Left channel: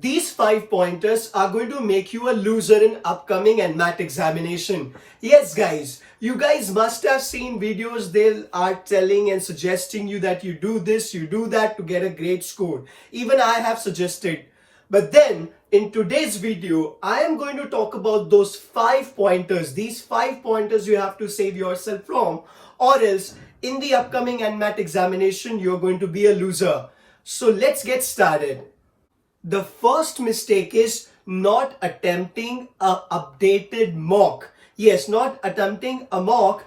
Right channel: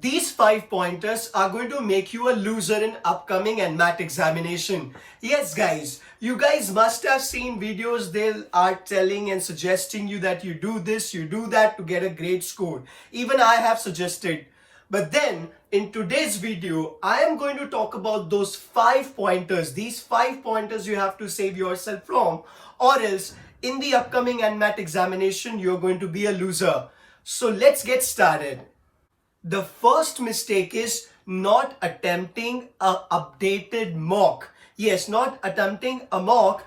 These 5 pointers are going to make you a loser in upcoming NMAT examination. Yes, guys, you guys must have seen videos they are telling and suggesting you that you do this, you do that to get a great score. Even I have suggested. But then in today's video, I am going to talk about those 5 pointers. These 5 pointers you have to save yourself from, or else in the upcoming NMAT examination, you're going to be a loser. So let's get started. The first mistake is not attempting a updated mock. Yes, not attempting a mock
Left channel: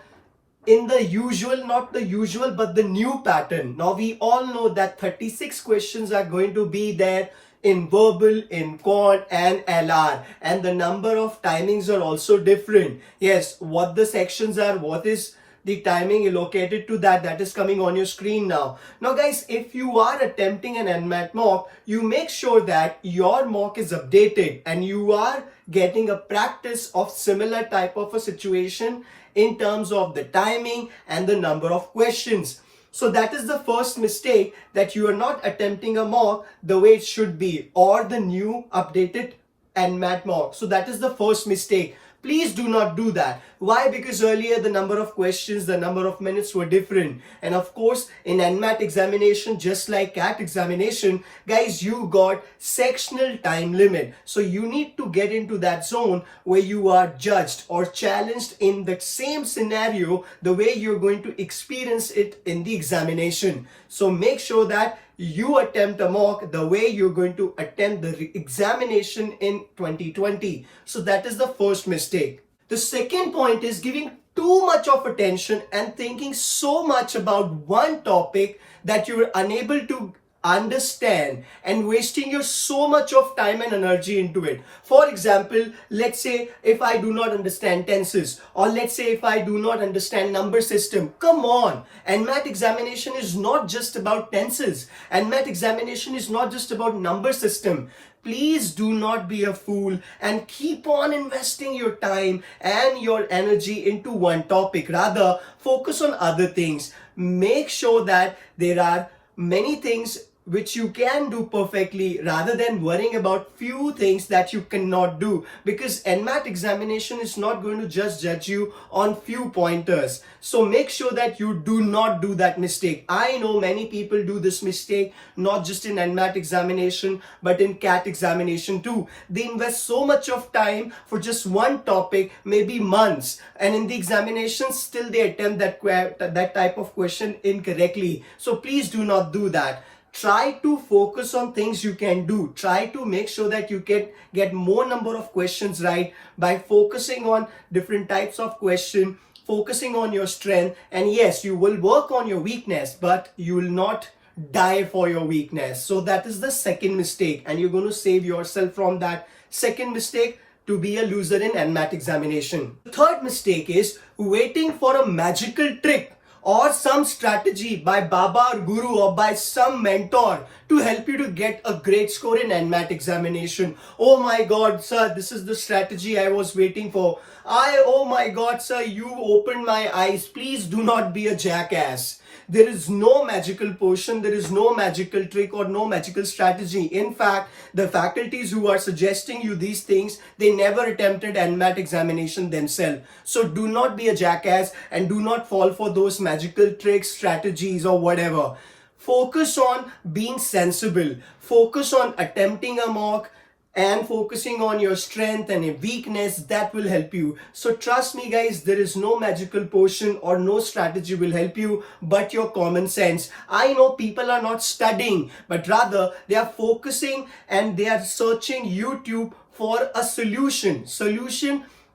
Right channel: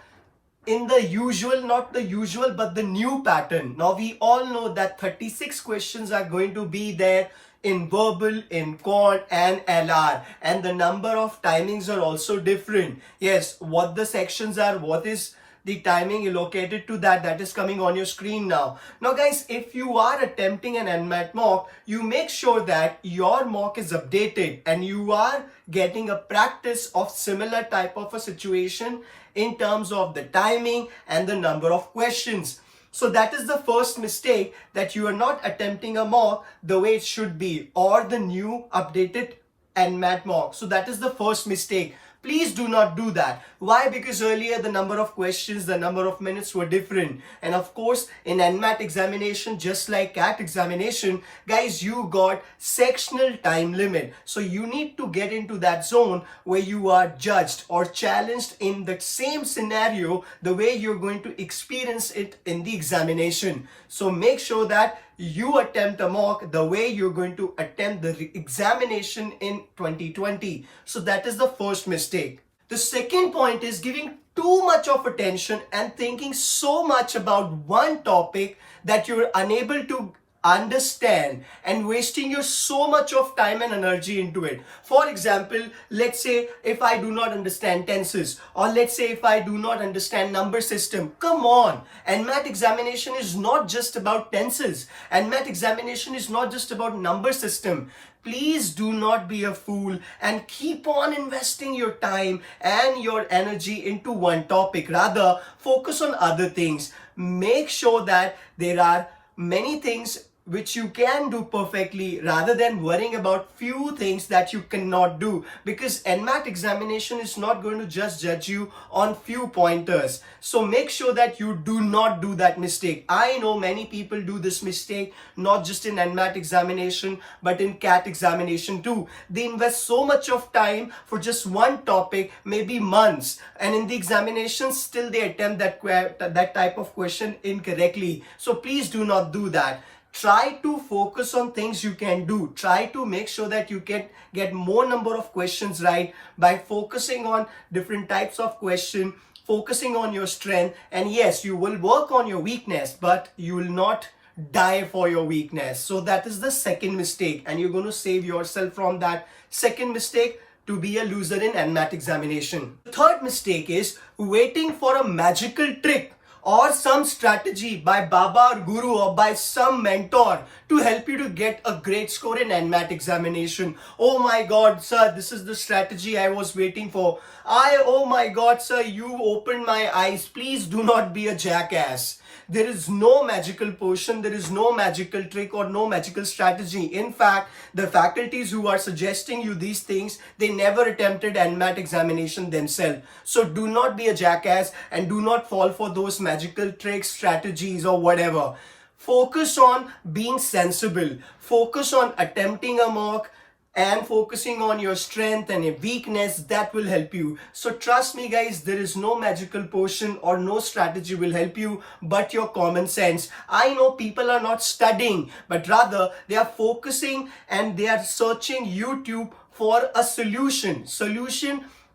in the usual, not the usual, but the new pattern. Now we all know that 36 questions are going to be there in verbal, in quant and LR, and the number of timings are also different. Yes, what the sections are, what is the timing allocated to that is coming on your screen now. Now guys, if you are attempting an NMAT mock, you make sure that your mock is updated and you are getting a practice of similar type of a situation in terms of the timing and the number of questions. So that is the first mistake, that you are not attempting a mock the way it should be, or the new updated NMAT mock. So that is the first mistake. Please do not do that. Why? Because earlier the number of questions, the number of minutes were different. And of course, in NMAT examination, just like CAT examination, guys, you got sectional time limit. So you need to get into that zone where you are judged or challenged in the same scenario, the way you're going to experience it in the examination. So make sure that you attempt a mock the way you're going to attempt the examination in 2020. So that is the first mistake. The second point is giving too much of attention and thinking so much about one topic that you're unable to understand and wasting your so much of time and energy into it. For example, let's say if I do not understand tenses, or let's say if I do not understand number system. Come on, NMAT examination is not just about tenses. NMAT examination is not just about number system. Please do not be a fool and keep on investing your time and your energy into one topic. Rather, focus on other things. Make sure that there are many things which you can do perfectly, rather than worrying about few things that you cannot do, because NMAT examination is not going to just judge you on few pointers. So make sure that you do not do that mistake. I know many people do this mistake, not just in NMAT examination, but in CAT examination too. They invest so much of time for just one topic, maybe months, and in the examination still they attempt that type of question incorrectly. So please do not do that. Try to focus on things you can do. Try to make sure that you can get more number of questions right by focusing on different types of question, focusing on your strength. And yes, you will work on your weakness, but you will not die for your weakness. So that is the second mistake, and you're going to save yourself from that second mistake to be a loser in NMAT examination. The third mistake is waiting for a magical trick or some strategy by Baba or Guru or by some mentor to help you to get a great score in NMAT examination. Oh my God, sir, this is the strategy I was waiting for. Oh my God, sir, you opened my eyes. Please do not be a jackass. There is no magical potion, there is no magical trick or no magical strategy. In fact, the faculties who are suggesting you these things, they never attempted NMAT examination themselves. So do not be a jackass and do not fall for those magical tricks, strategies or whatever. Focus on being sensible. Focus on attempting a mock and focusing on your strength and your weakness. That will help you. So trust me guys, there is no magical potion or no strategy will help you but your common sense. I know people are not studying, but rather they are focusing and they are searching YouTube for a solution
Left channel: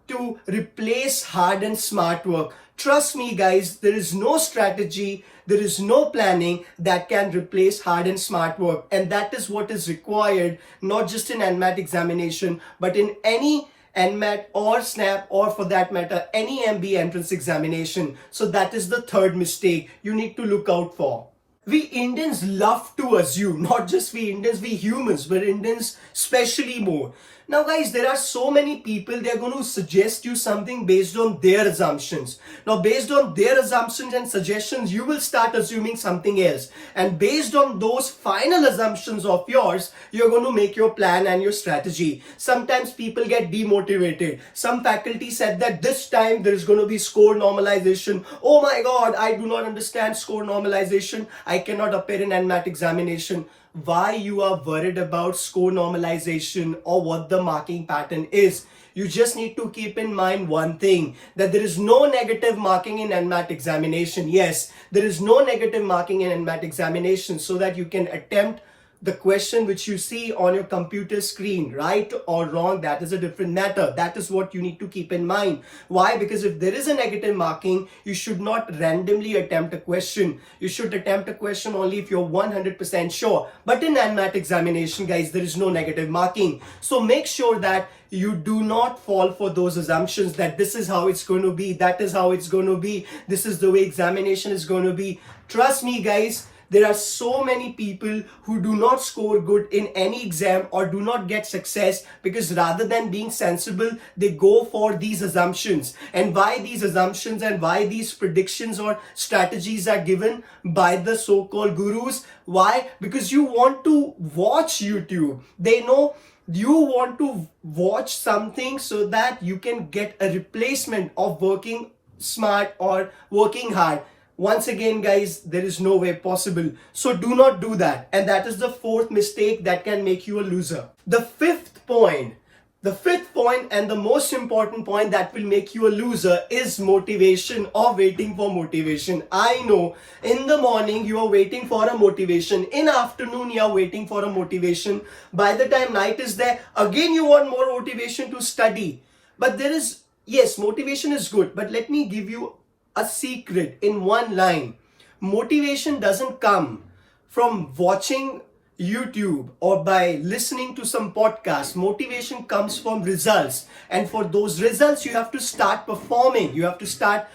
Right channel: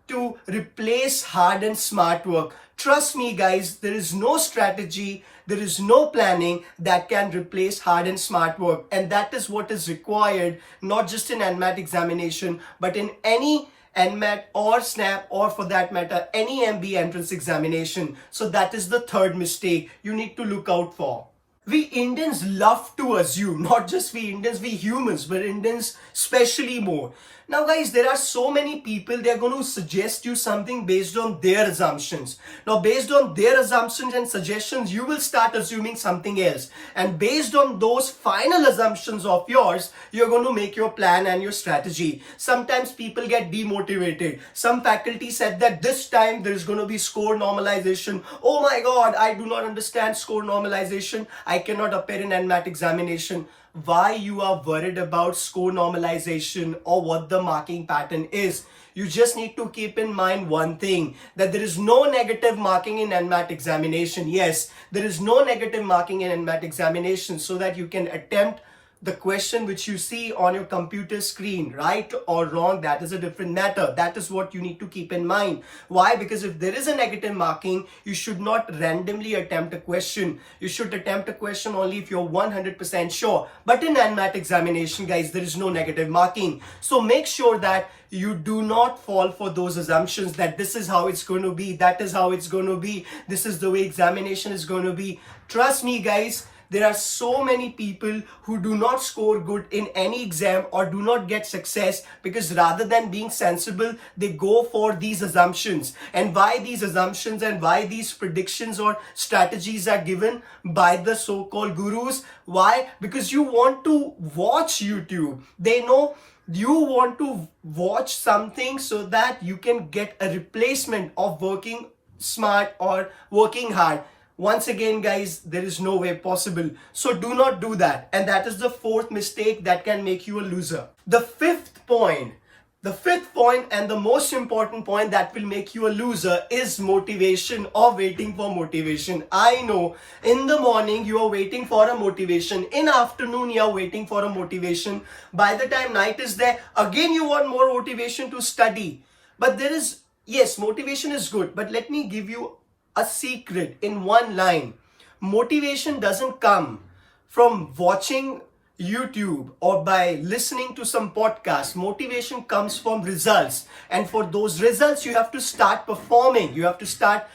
to replace hard and smart work. Trust me guys, there is no strategy, there is no planning that can replace hard and smart work. And that is what is required, not just in NMAT examination, but in any NMAT or SNAP, or for that matter, any MB entrance examination. So that is the third mistake you need to look out for. We Indians love to assume, not just we Indians, we humans, but Indians especially more. Now guys, there are so many people, they're going to suggest you something based on their assumptions. Now based on their assumptions and suggestions, you will start assuming something else. And based on those final assumptions of yours, you're going to make your plan and your strategy. Sometimes people get demotivated. Some faculty said that this time there is going to be score normalization. Oh my God, I do not understand score normalization. I cannot appear in NMAT examination. Why you are worried about score normalization or what the marking pattern is? You just need to keep in mind one thing, that there is no negative marking in NMAT examination. Yes, there is no negative marking in NMAT examination, so that you can attempt the question which you see on your computer screen. Right or wrong, that is a different matter. That is what you need to keep in mind. Why? Because if there is a negative marking, you should not randomly attempt a question. You should attempt a question only if you're 100% sure. But in NMAT examination, guys, there is no negative marking. So make sure that you do not fall for those assumptions that this is how it's going to be, that is how it's going to be, this is the way examination is going to be. Trust me, guys, there are so many people who do not score good in any exam or do not get success because rather than being sensible, they go for these assumptions. And why these assumptions and why these predictions or strategies are given by the so-called gurus? Why? Because you want to watch YouTube. They know you want to watch something so that you can get a replacement of working smart or working hard. Once again, guys, there is no way possible. So do not do that. And that is the fourth mistake that can make you a loser. The fifth point and the most important point that will make you a loser is motivation or waiting for motivation. I know in the morning you are waiting for a motivation. In afternoon you are waiting for a motivation. By the time night is there, again you want more motivation to study. But there is, yes, motivation is good. But let me give you a secret in one line. Motivation doesn't come from watching YouTube or by listening to some podcast. Motivation comes from results. And for those results, you have to start performing. You have to start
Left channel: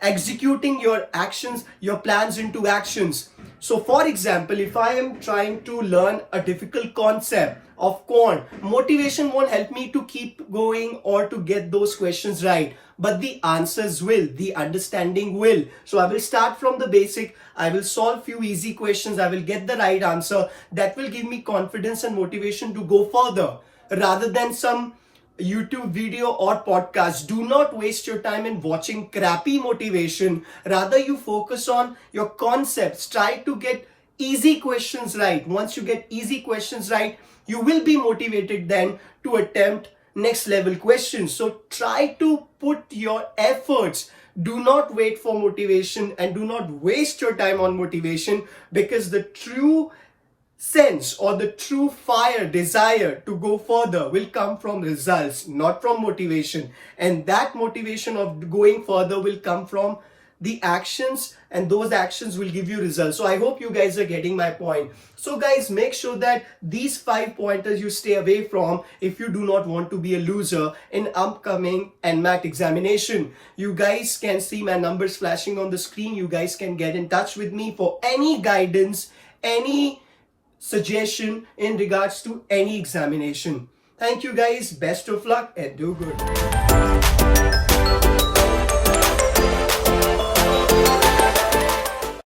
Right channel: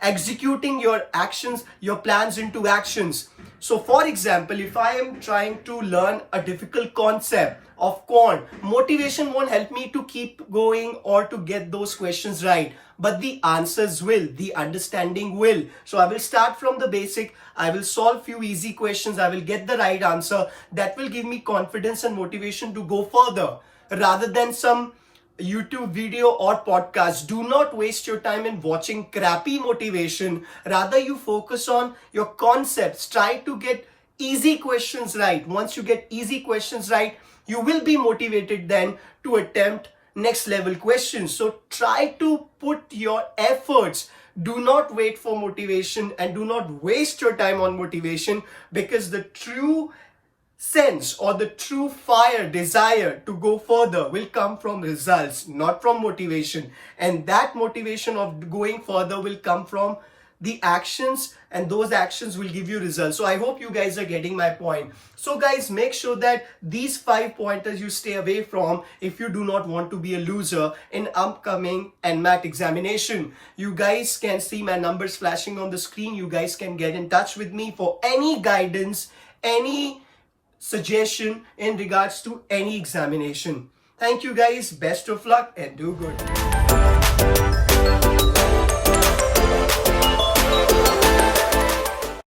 executing your actions, your plans into actions. So for example, if I am trying to learn a difficult concept of quant, motivation won't help me to keep going or to get those questions right, but the answers will, the understanding will. So I will start from the basic, I will solve few easy questions, I will get the right answer. That will give me confidence and motivation to go further rather than some YouTube video or podcast. Do not waste your time in watching crappy motivation. Rather, you focus on your concepts. Try to get easy questions right. Once you get easy questions right, you will be motivated then to attempt next level questions. So try to put your efforts. Do not wait for motivation and do not waste your time on motivation, because the true sense or the true fire, desire to go further will come from results, not from motivation. And that motivation of going further will come from the actions, and those actions will give you results. So I hope you guys are getting my point. So guys, make sure that these 5 pointers you stay away from if you do not want to be a loser in upcoming NMAT examination. You guys can see my numbers flashing on the screen. You guys can get in touch with me for any guidance, any suggestion in regards to any examination. Thank you guys, best of luck and do good.